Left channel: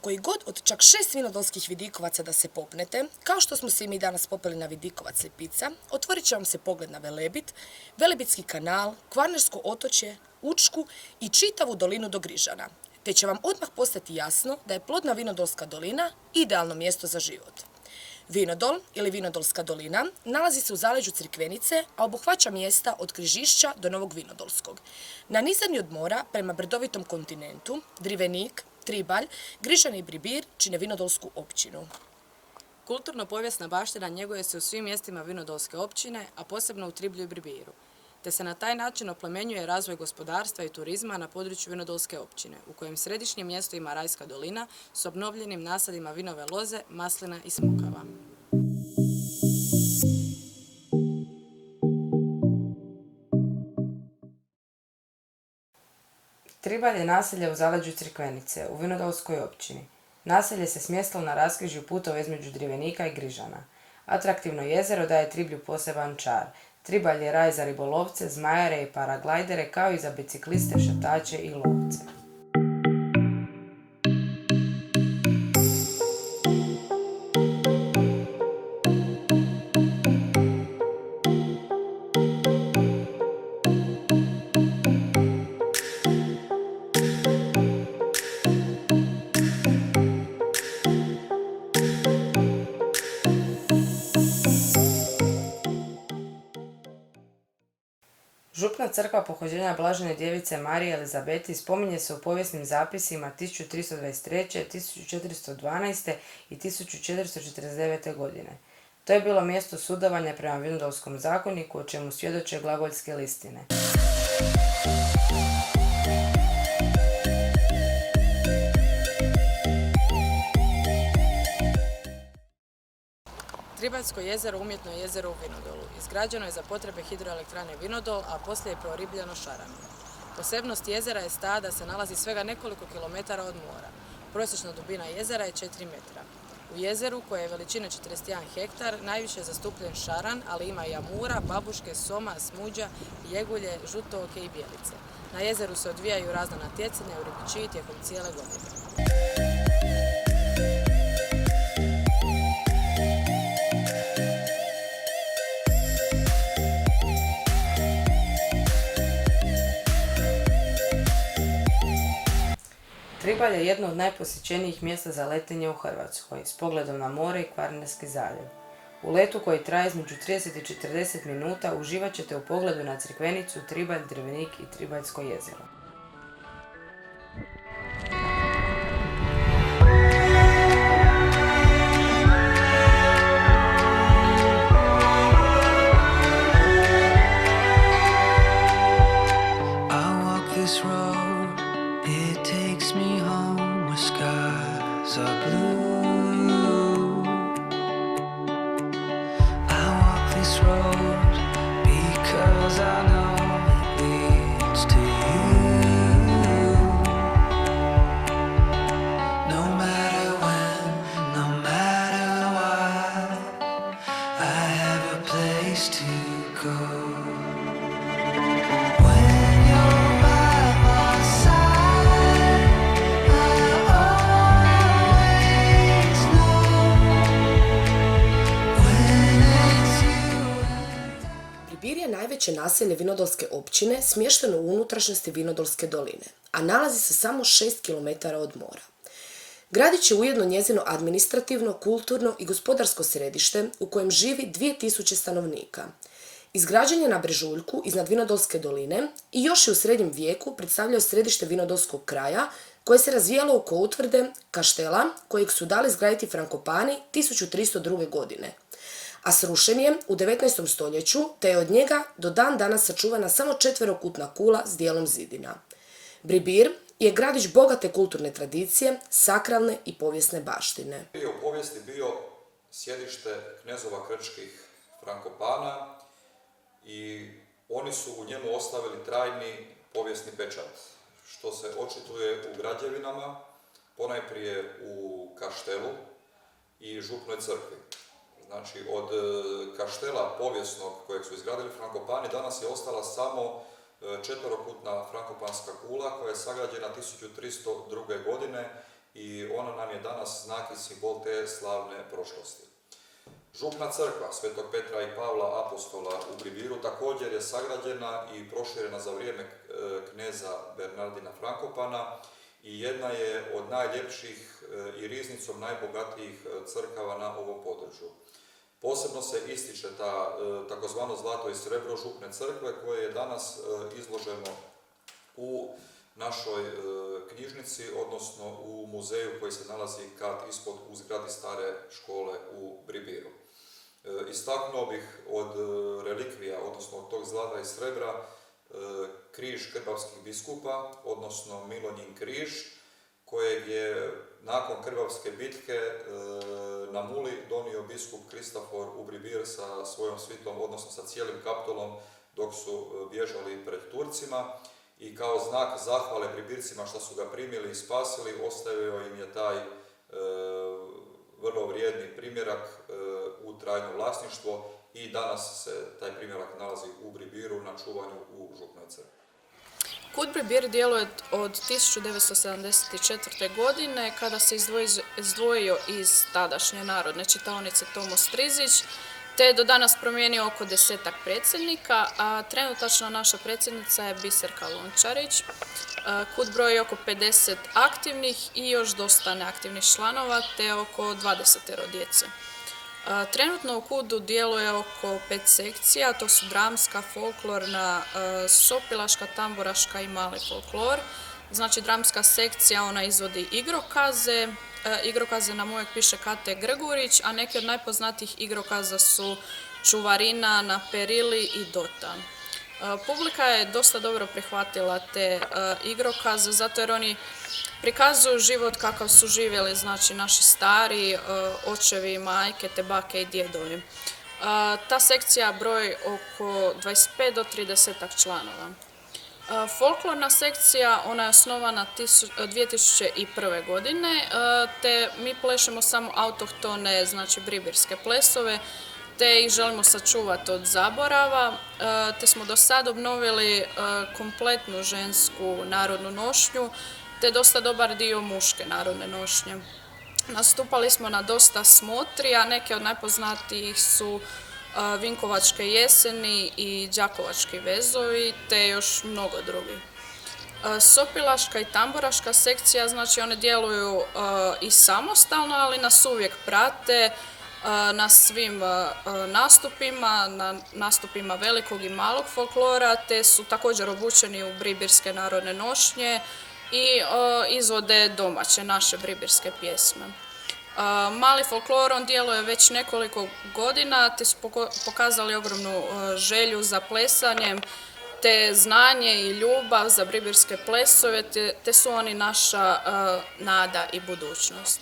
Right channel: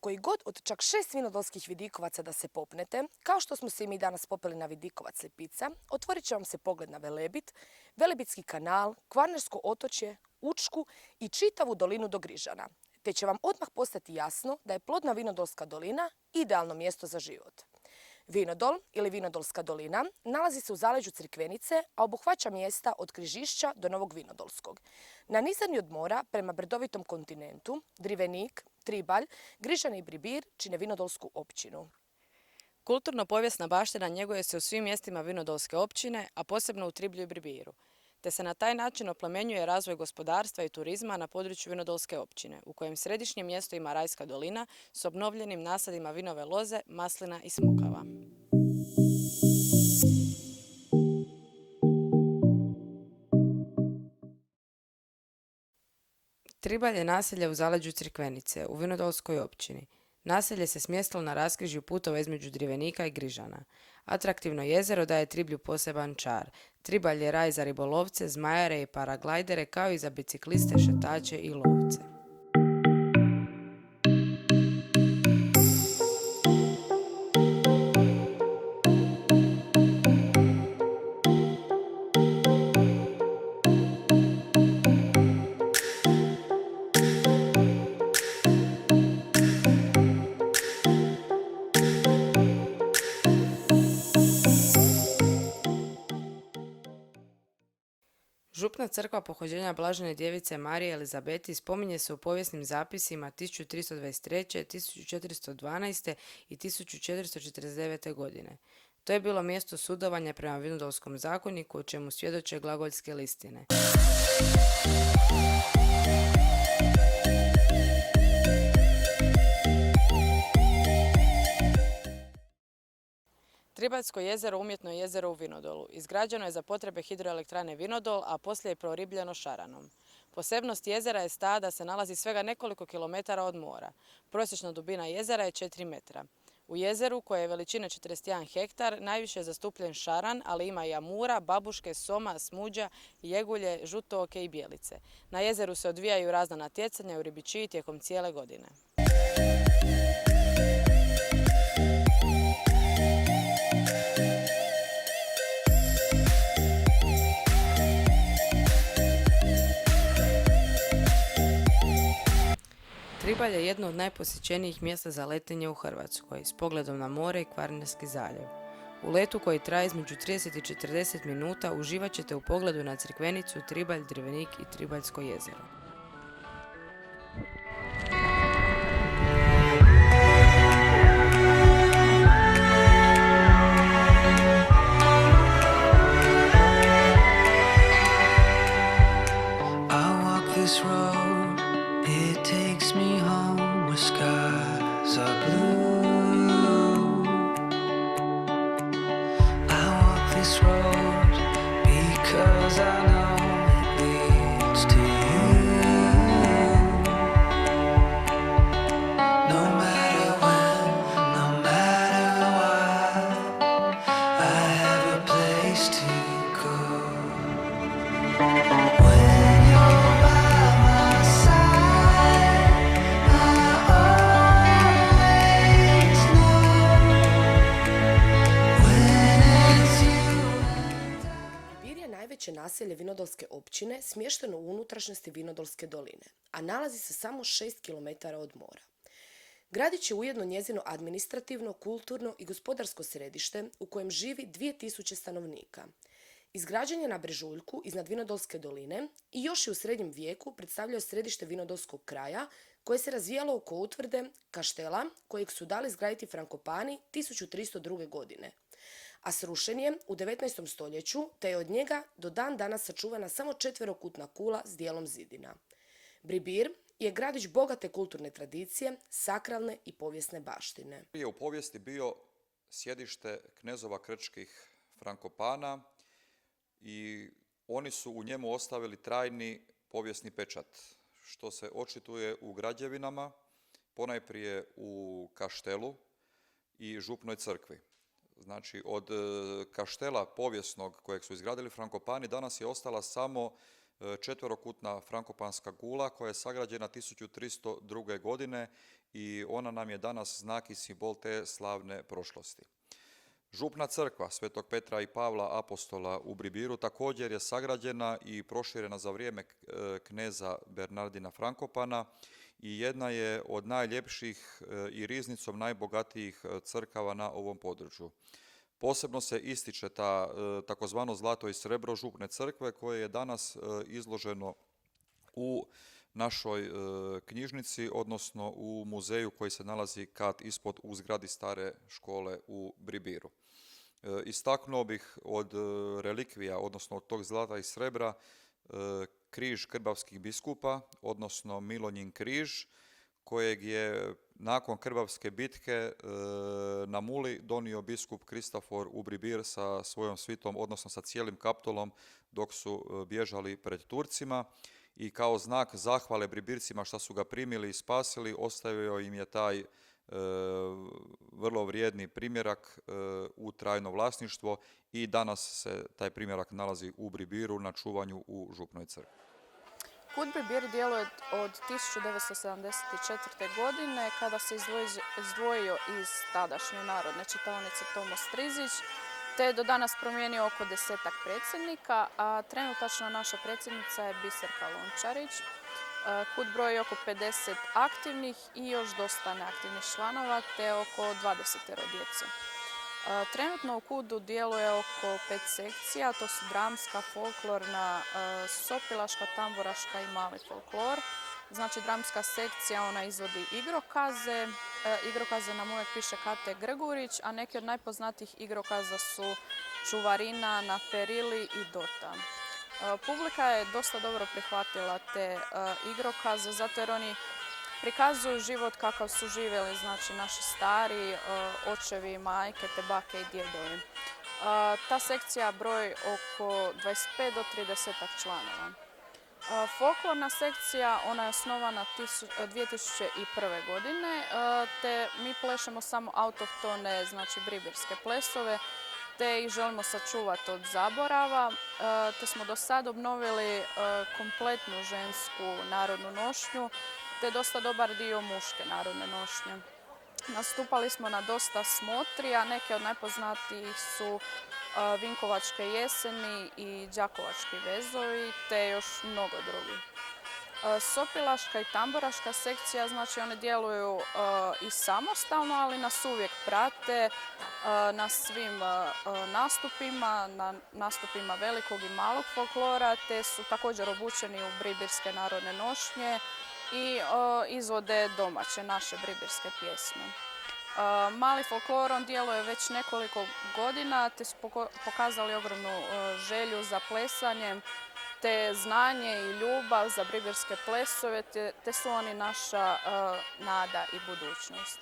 koji god od čak 6 vinodolskih vidikovaca da se popnete, kao što smo se i mi danas popeli na vidikovac Lipica, otvorit će vam se pogled na Velebit, Velebitski kanal, Kvarnersko otočje, Učku i čitavu dolinu do Grižana, te će vam odmah postati jasno da je plodna Vinodolska dolina idealno mjesto za život. Vinodol ili Vinodolska dolina nalazi se u zaleđu Crikvenice, a obuhvaća mjesta od Križišća do Novog Vinodolskog. Nanizani od mora prema brdovitom kontinentu, Drivenik, Tribalj, Grižane i Bribir čine Vinodolsku općinu. Kulturno-povijesna baština njeguje se u svim mjestima Vinodolske općine, a posebno u Triblju i Bribiru, te se na taj način oplemenjuje razvoj gospodarstva i turizma na području Vinodolske općine, u kojem središnje mjesto ima Rajska dolina s obnovljenim nasadima vinove loze, maslina i smokava. Tribalj je naselje u zaleđu Crikvenice, u Vinodolskoj općini. Naselje se smjestilo na raskrižju putova između Drivenika i Grižana. Atraktivno jezero daje Triblju poseban čar. Tribalj je raj za ribolovce, zmajare i paraglajdere, kao i za bicikliste, šetače i lovce. Župna crkva pohođenja Blažene djevice Marije Elizabeti spominje se u povijesnim zapisima 1323., 1412. i 1449. godine. To je bilo mjesto sudovanja prema Vinodolskom zakoniku, o čemu svjedoče glagoljske listine. Tribaljsko jezero umjetno je jezero u Vinodolu. Izgrađeno je za potrebe hidroelektrane Vinodol, a poslije je preoribljeno šaranom. Posebnost jezera je ta da se nalazi svega nekoliko kilometara od mora. Prosječna dubina jezera je 4 metra. U jezeru, koje je veličine 41 hektar, najviše je zastupljen šaran, ali ima i amura, babuške, soma, smuđa, jegulje, žutooke i bijelice. Na jezeru se odvijaju razna natjecanja u ribičiji tijekom cijele godine. Tribalj je jedno od najposjećenijih mjesta za letenje u Hrvatskoj, s pogledom na more i Kvarnerski zaljev. U letu koji traje između 30 i 40 minuta uživat ćete u pogledu na Crikvenicu, Tribalj, Drivenik i Tribaljsko jezero. Naselje Vinodolske općine smješteno u unutrašnjosti Vinodolske doline, a nalazi se samo 6 km od mora. Gradić je ujedno njezino administrativno, kulturno i gospodarsko središte u kojem živi 2000 stanovnika. Izgrađen je na brežuljku iznad Vinodolske doline i još je u srednjem vijeku predstavljao središte Vinodolskog kraja koje se razvijalo oko utvrde Kaštela kojeg su dali izgraditi Frankopani 1302. godine. A srušen je u 19. stoljeću, te je od njega do dan danas sačuvana samo četverokutna kula s dijelom zidina. Bribir je gradić bogate kulturne tradicije, sakralne i povijesne baštine. Je u povijesti bio sjedište knezova krčkih Frankopana i oni su u njemu ostavili trajni povijesni pečat, što se očituje u građevinama, ponajprije u Kaštelu i Župnoj crkvi. Znači, od kaštela povijesnog kojeg su izgradili Frankopani danas je ostala samo četverokutna frankopanska kula koja je sagrađena 1302. godine i ona nam je danas znak i simbol te slavne prošlosti. Župna crkva Svetog Petra i Pavla Apostola u Bribiru također je sagrađena i proširena za vrijeme kneza Bernardina Frankopana i jedna je od najljepših i riznicom najbogatijih crkava na ovom području. Posebno se ističe ta takozvano zlato i srebro župne crkve koje je danas izloženo u našoj knjižnici, odnosno u muzeju koji se nalazi kat ispod u zgradi stare škole u Bribiru. Istaknuo bih od relikvija, odnosno od tog zlata i srebra, križ krbavskih biskupa, odnosno Milonjin križ, kojeg je nakon Krbavske bitke na Muli donio biskup Kristofor u Bribir sa svojom svitom, odnosno sa cijelim kaptulom dok su bježali pred Turcima i kao znak zahvale Bribircima što su ga primili i spasili, ostavio im je taj vrlo vrijedni primjerak u trajno vlasništvo i danas se taj primjerak nalazi u Bribiru na čuvanju u župnoj crkvi. KUD Bribir djeluje od 1974. godine kada se izdvojio iz tadašnje narodne čitaonice Tomo Strizić, te je do danas promijenio oko 10-ak predsjednika, a trenutačna naša predsjednica je Biserka Lončarić. KUD broji oko 50 aktivnih i još dosta neaktivnih članova, te oko 20 djece. Trenutno u KUD-u djeluje oko 5 sekcija, to su dramska, folklorna, sopilaška, tamburaška i mali folklor. Znači dramska sekcija, ona izvodi igrokaze, igrokaze nam uvijek piše Kate Grgurić, a neki od najpoznatijih igrokaza su Čuvarina, Na perili i Dotan. Publika je dosta dobro prihvatila te igrokaze, zato jer oni prikazuju život kakav su živjeli, znači naši stari, očevi, majke, te bake i djedovi. Ta sekcija broji oko 25 do 30 članova. Folklorna sekcija, ona je osnovana 2001. godine, te mi plešemo samo autohtone, znači bribirske plesove, te ih želimo sačuvati od zaborava, te smo do sad obnovili kompletnu žensku narodnu nošnju, te dosta dobar dio muške narodne nošnje. Nastupali smo na dosta smotri, a neke od najpoznatijih su Vinkovačke jeseni i Đakovački vezovi, te još mnogo drugih. Sopilaška i tamburaška sekcija, znači one djeluju i samostalno, ali nas uvijek prate na svim nastupima, na nastupima velikog i malog folklora, te su također obučeni u bribirske narodne nošnje i izvode domaće naše bribirske pjesme. Mali folklor, on djeluje već nekoliko godina, te su pokazali ogromnu želju za plesanjem, te znanje i ljubav za bribirske plesove, te su oni naša nada i budućnost.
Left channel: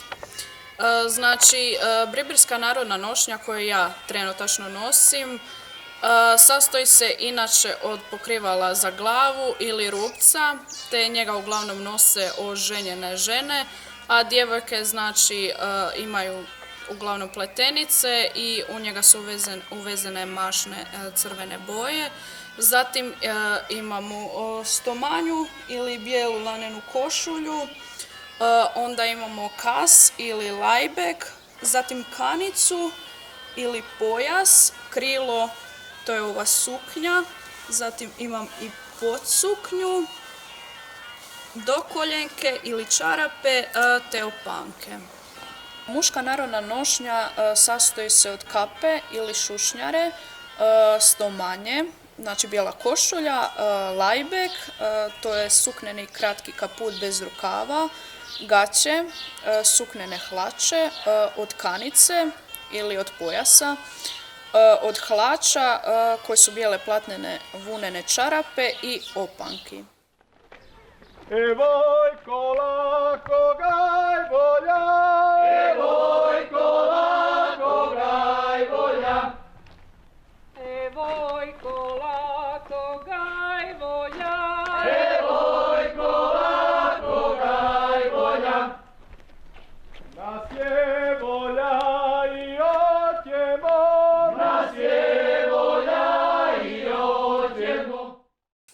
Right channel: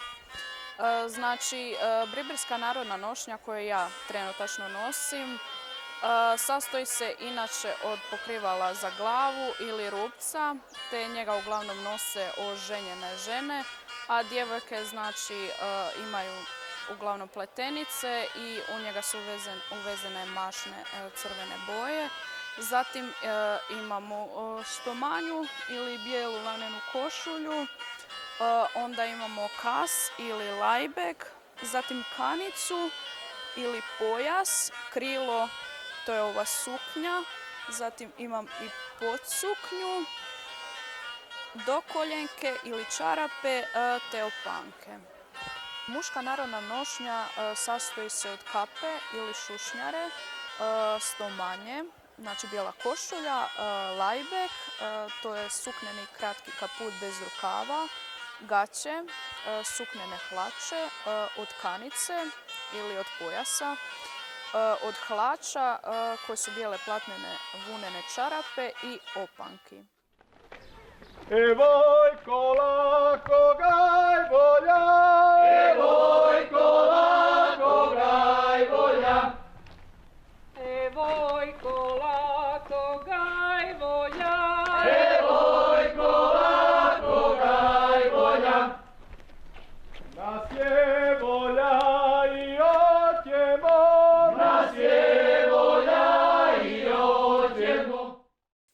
Znači, bribirska narodna nošnja koju ja trenutačno nosim sastoji se inače od pokrivala za glavu ili rupca, te njega uglavnom nose oženjene žene, a djevojke znači imaju uglavnom pletenice i u njega su uvezene mašne crvene boje. Zatim imamo stomanju ili bijelu lanenu košulju, onda imamo kas ili lajbek, zatim kanicu ili pojas, krilo, to je ova suknja, zatim imam i podsuknju, dokoljenke ili čarape te opanke. Muška narodna nošnja sastoji se od kape ili šušnjare, stomanje, znači bijela košulja, lajbek, to je sukneni kratki kaput bez rukava, gaće, suknene hlače, od kanice ili od pojasa, od hlača koje su bijele platnene vunene čarape i opanki. Evojko lako gaj volja, evojko lako gaj volja, evojko lako gaj volja, evojko lako gaj volja. Nas je volja i otjemo, nas je volja i otjemo.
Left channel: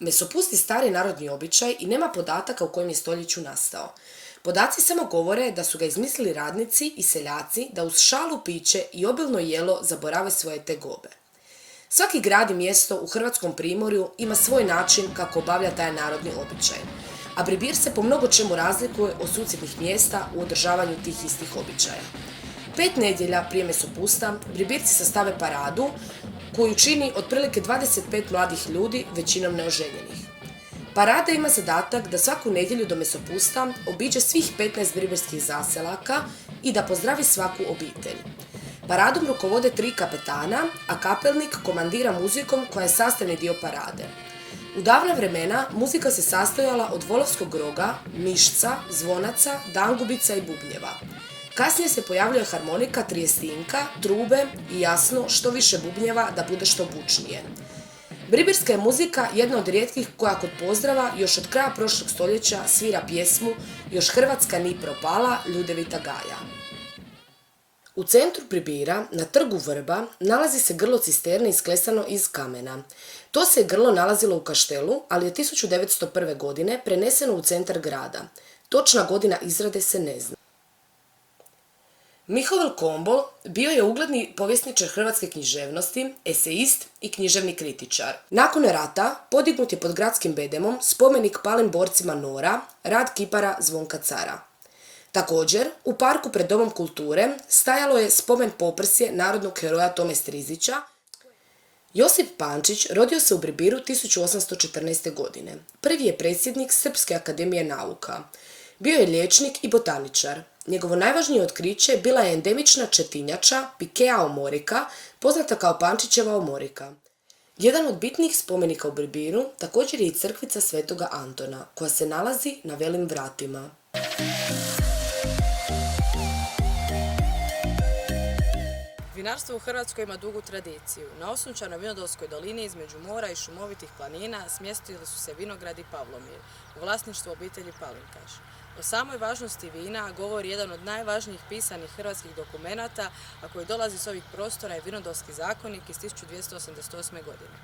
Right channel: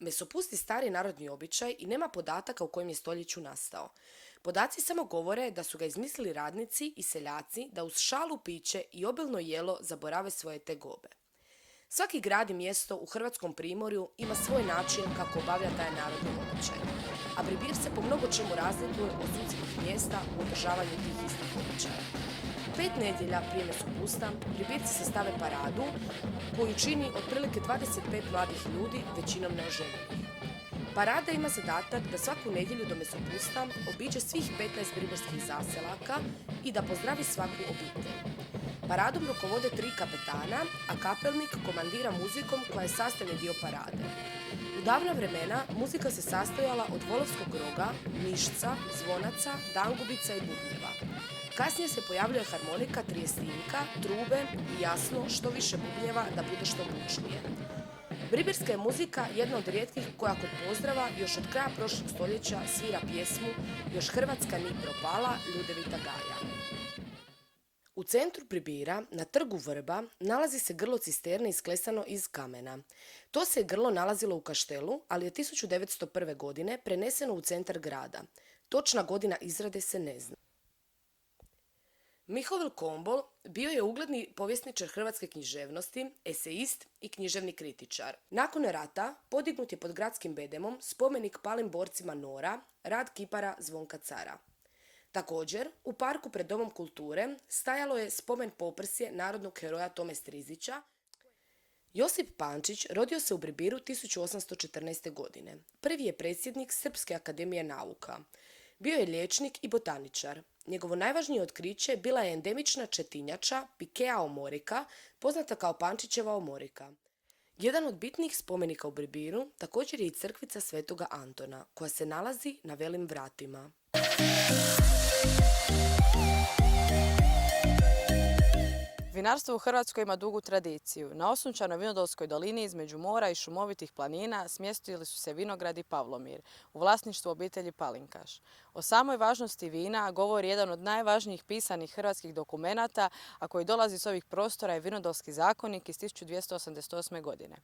Mesopusti stari narodni običaj i nema podataka u kojem je stoljeću nastao. Podaci samo govore da su ga izmislili radnici i seljaci da uz šalu, piće i obilno jelo zaborave svoje tegobe. Svaki grad i mjesto u hrvatskom primorju ima svoj način kako obavlja taj narodni običaj, a Bribir se po mnogo čemu razlikuje od susjednih mjesta u održavanju tih istih običaja. 5 nedjelja prije mesopusta Bribirci sastave paradu koju čini otprilike 25 mladih ljudi, većinom neoženjenih. Parada ima zadatak da svaku nedjelju do mesopusta obiđe svih 15 bribirskih zaselaka i da pozdravi svaku obitelj. Paradom rukovode 3 kapetana, a kapelnik komandira muzikom koja je sastavni dio parade. U davna vremena muzika se sastojala od volovskog roga, mišca, zvonaca, dangubica i bubnjeva. Kasnije se pojavljuje harmonika, trijestinka, trube i jasno što više bubnjeva da bude što bučnije. Bribirska je muzika jedna od rijetkih koja kod pozdrava još od kraja prošlog stoljeća svira pjesmu Još Hrvatska ni propala, Ljudevita Gaja. U centru Bribira, na trgu Vrba, nalazi se grlo cisterne isklesano iz kamena. To se grlo nalazilo u kaštelu, ali je 1901. godine preneseno u centar grada. Točna godina izrade se ne zna. Mihovil Kombo bio je ugledni povjesničar hrvatske književnosti, eseist i književni kritičar. Nakon rata podignut je pod gradskim bedemom spomenik palim borcima NOR-a, rad kipara Zvonka Cara. Također, u parku pred Domom kulture stajalo je spomen poprsje narodnog heroja Tome Strizića. Josip Pančić rodio se u Bribiru 1814. godine. Prvi je predsjednik Srpske akademije nauka. Bio je liječnik i botaničar. Njegovo najvažnije otkriće bila je endemična četinjača Pikea omorica, poznata kao Pančićeva omorika. Jedan od bitnih spomenika u Bribiru također je i crkvica Svetoga Antona, koja se nalazi na Velim vratima. Vinarstvo u Hrvatskoj ima dugu tradiciju. Na osunčanoj Vinodolskoj dolini između mora i šumovitih planina smjestili su se vinogradi Pavlomir u vlasništvu obitelji Palinkaš. O samoj važnosti vina govori jedan od najvažnijih pisanih hrvatskih dokumenata, a koji dolazi s ovih prostora je Vinodolski zakonik iz 1288. godine.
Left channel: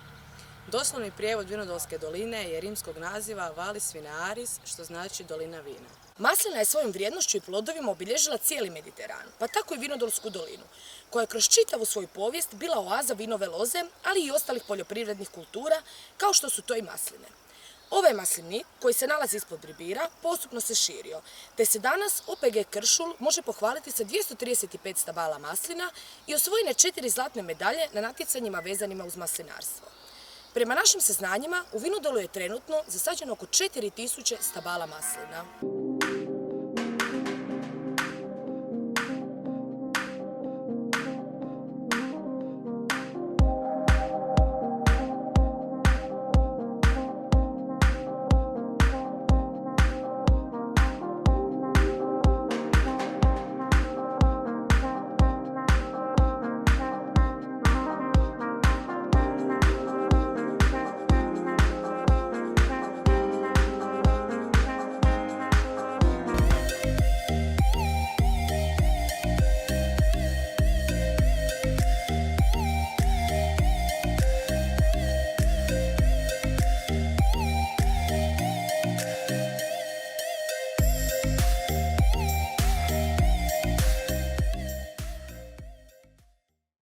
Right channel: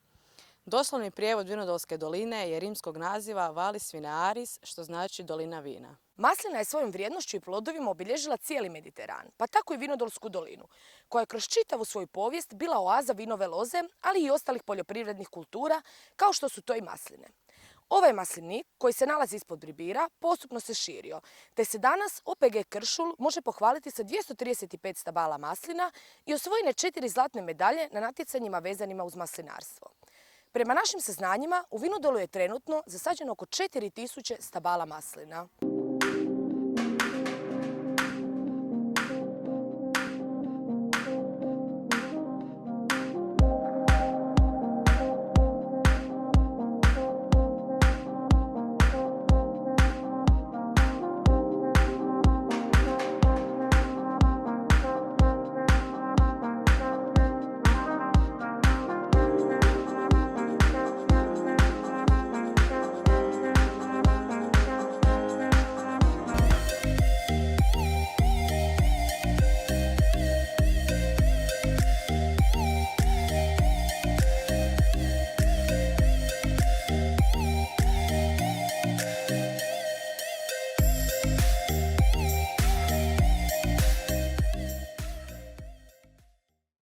Doslovni prijevod Vinodolske doline je rimskog naziva Valis Vinaris, što znači dolina vina. Maslina je svojom vrijednošću i plodovima obilježila cijeli Mediteran, pa tako i Vinodolsku dolinu, koja je kroz čitavu svoju povijest bila oaza vinove loze, ali i ostalih poljoprivrednih kultura, kao što su to i masline. Ovaj maslinik, koji se nalazi ispod Bribira, postupno se širio, te se danas OPG Kršul može pohvaliti sa 235 stabala maslina i osvojene 4 zlatne medalje na natjecanjima vezanima uz maslinarstvo. Prema našim saznanjima, u Vinodolu je trenutno zasađeno oko 4000 stabala maslina.